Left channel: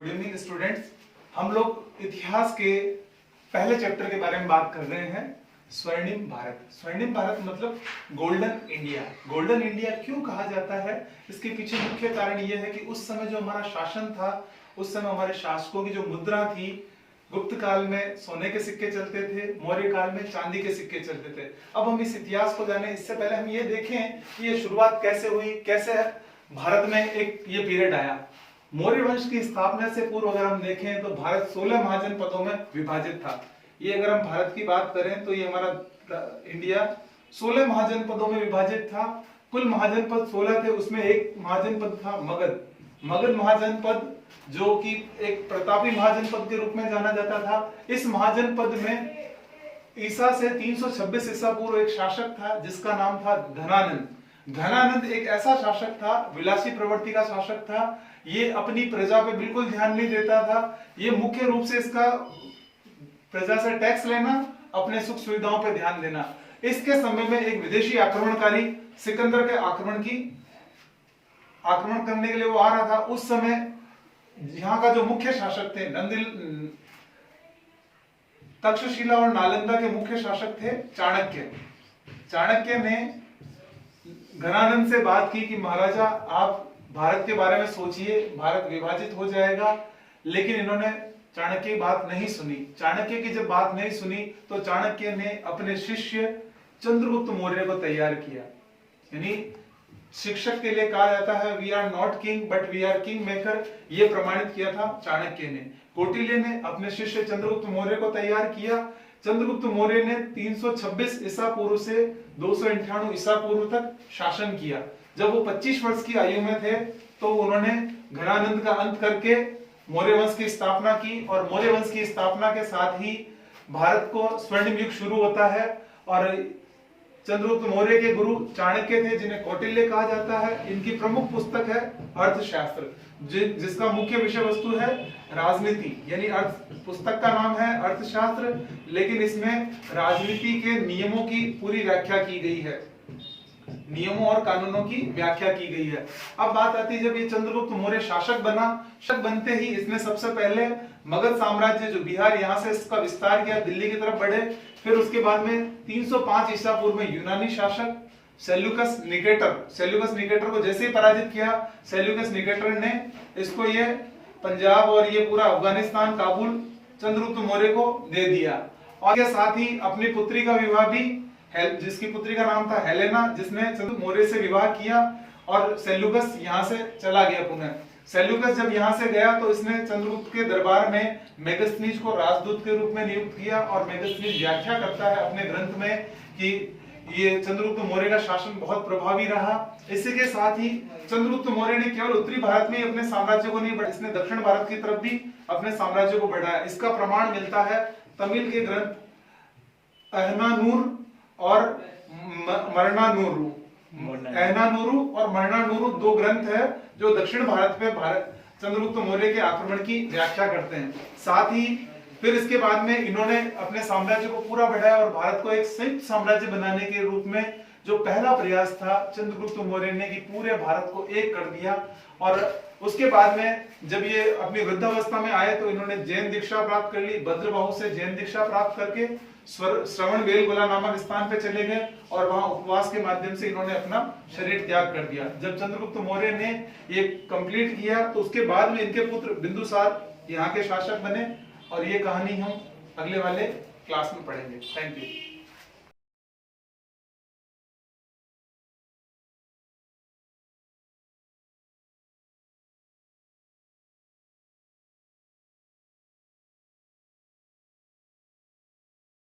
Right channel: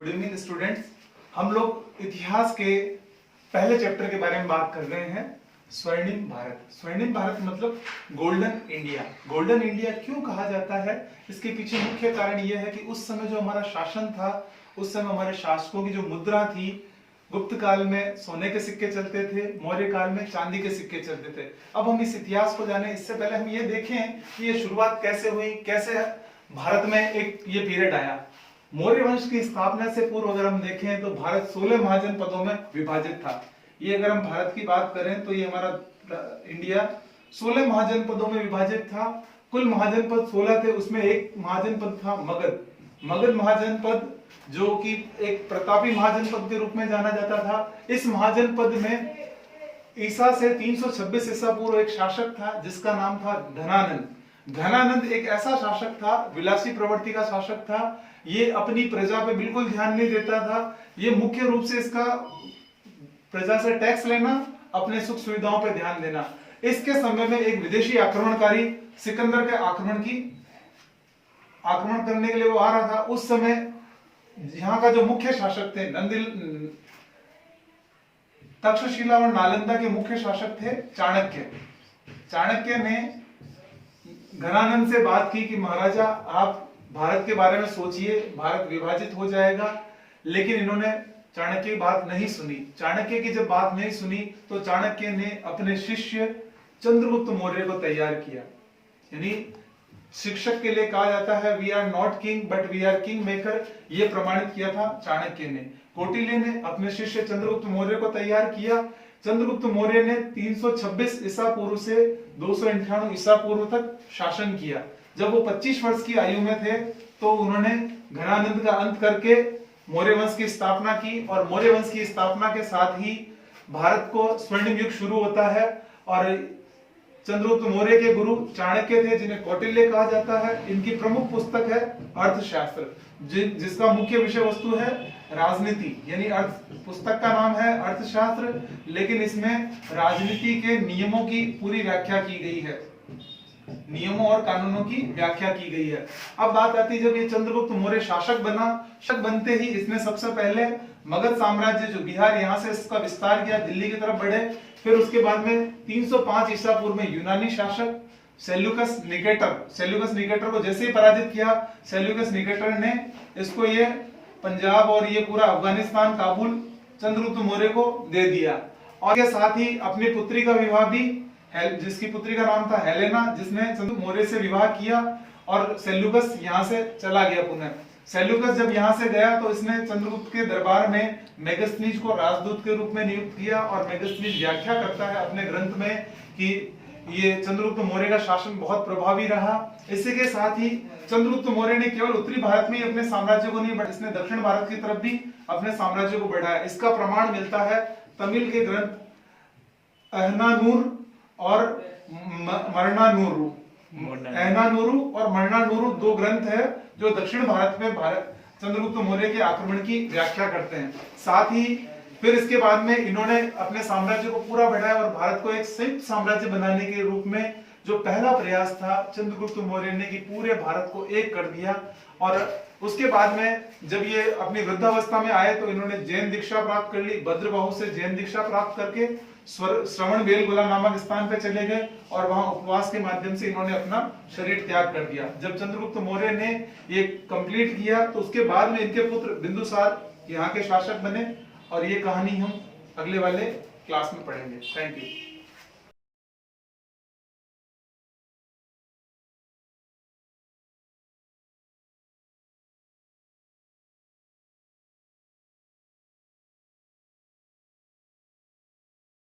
Good evening students. हम लोग इतिहास के पहले चैप्टर के बारे में बात कर रहे हैं। स्वर्णिम भारत। स्वर्णिम भारत मतलब गोल्डन इंडिया। गोल्डन इंडिया क्यों कहा जाता है, इसके पीछे मुख्य कारण यह है कि उस समय जो हमारा शासन था, उस समय हमारे शासकों की जो मुद्रा थी, गुप्त काल में सोने के सिक्के चलते थे, मौर्य काल में चांदी के सिक्के चलते थे। अब हम इस इतिहास को जाने इससे पहले हम ये देखें कि ये शुरुआत कैसे हुई, कैसे भारत में एक ये पीरियड आया। मौर्य वंश की स्थापना से पूर्व अगर हम देखें तो भारत 16 महाजनपदों में विभाजित था। ये अगर हम भारत की बात करें तो ये हमारा इंडिया 16 महाजनपदों में विभाजित था। कुल महाजनपद 16 थे, उसमें एक महाजनपद था मगध। मगध महाजनपद जो कि एक प्रतापी महाजनपद के रूप में जाना जाता था। इस महाजनपद में ईसा से 326 ईसा पूर्व एक शासक था जिसका नाम था धनानंद। धनानंद एक ऐसा शासक था, विलासी प्रवृत्ति का शासक था। ये अपनी प्रजा पे बिल्कुल ध्यान नहीं देता था। ये मुख्य रूप से इसका प्रजा से टैक्स लेना, अपने सुख सुविधाओं पे ध्यान देना। इसके समय में एक विदेशी आक्रमणकारी सिकंदर के आक्रमण करने के लिए वो आ रहा था। उस समय यहाँ का जो मुख्य शासक थे तक्षशिला और नालंदा के मुख्य शासक थे चाणक्य। चाणक्य ने धनानंद से बात की कि महाराजा आप भारत के बारे में सोचिए, भारत विभाजित हो जाएगा। लेकिन इन्होंने चाणक्य की बात नहीं सुनी। चाणक्य की जब बात नहीं सुनी तो चाणक्य ने अपने शिष्य चंद्रगुप्त मौर्य को तैयार किया। यानी शिक्षक के लिए कहा जाता है we are not king but we are king maker, ये प्रमाणित किया था चाणक्य ने। कौटिल्य ने अपने शिष्य चंद्रगुप्त मौर्य को तैयार किया। चंद्रगुप्त मौर्य ने 326 ईसा पूर्व से 298 ईसा पूर्व तक शासन किया। जब वो 25 वर्ष की आयु में थे तो उन्होंने घनानंद का अंत करके मौर्य वंश की स्थापना की, और मौर्य वंश की स्थापना के साथ ही भारत को स्वर्णिम युग शुरू होता है। और चंद्रगुप्त मौर्य के गुरु चाणक्य थे, जिन्हें कौटिल्य कहा जाता है। इनकी प्रमुख पुस्तक है अर्थशास्त्र, जिसका मुख्य विषय वस्तु है राजनीति। यानी पुस्तक का नाम है अर्थशास्त्र, लेकिन इसमें राजनीति के नियमों की पूरी व्याख्या की गई है, नियमों और कानूनों की व्याख्या की गई है। अब बात आती है जब ये चंद्रगुप्त मौर्य शासक बना, शासक बनते ही इसने सबसे पहले मगध साम्राज्य जो बिहार, यहाँ से इसका विस्तार किया, दिल्ली की तरफ बढ़े। फिर उसके बाद में 305 ईसा पूर्व में यूनानी शासक सेल्यूकस निकेटर को जैसे ही पराजित किया, सेल्यूकस निकेटर ने इसको ये पंजाब और ये पूरा अफगानिस्तान, काबुल चंद्रगुप्त मौर्य को दे दिया। और के साथ ही अपनी पुत्री का विवाह भी, जिसकी पुत्री का नाम था हेलेना, जिसने चंद्रगुप्त मौर्य से विवाह किया, और सेल्यूकस यहाँ से चला गया पुनः। सेल्यूकस जब यहाँ से गया तो इसने चंद्रगुप्त के दरबार में मेगस्थनीज को राजदूत के रूप में नियुक्त किया। और मेगस्थनीज व्याख्या करता है अपने ग्रंथ में कि ये चंद्रगुप्त मौर्य का शासन बहुत प्रभावी रहा। इसी के साथ ही चंद्रगुप्त मौर्य ने केवल उत्तरी भारत में ही अपने साम्राज्य को नहीं, इसने दक्षिण भारत की तरफ भी अपने साम्राज्य को बढ़ाया। इसका प्रमाण मिलता है तमिल के ग्रंथ अहनानूर और मरनानूरू। अहनानूरू और मरनानूरू दो ग्रंथ है जो दक्षिण भारत में चंद्रगुप्त मौर्य के आक्रमण की व्याख्या करते हैं। साथ ही फिर इसके बाद में इन्होंने अपने साम्राज्य को पूरा बढ़ाया और भारत को एक संयुक्त साम्राज्य बनाने के रूप में जो पहला प्रयास था चंद्रगुप्त मौर्य ने, कि पूरे भारत को एक कर दिया। और उसके बाद में जब ये अपनी वृद्धावस्था में आए तो इन्होंने जैन दीक्षा प्राप्त कर ली। भद्रबाहु से जैन दीक्षा प्राप्त करके श्रवण बेलगोला नामक स्थान पे चले गए और वहां उपवास के माध्यम से इन्होंने अपना शरीर त्याग कर दिया। जब चंद्रगुप्त मौर्य ने ये कंप्लीट किया तो उसके बाद में इनके पुत्र बिंदुसार यहाँ के शासक बने। और ये कहानी हम अगले वाले क्लास में पढ़ेंगे। Thank you.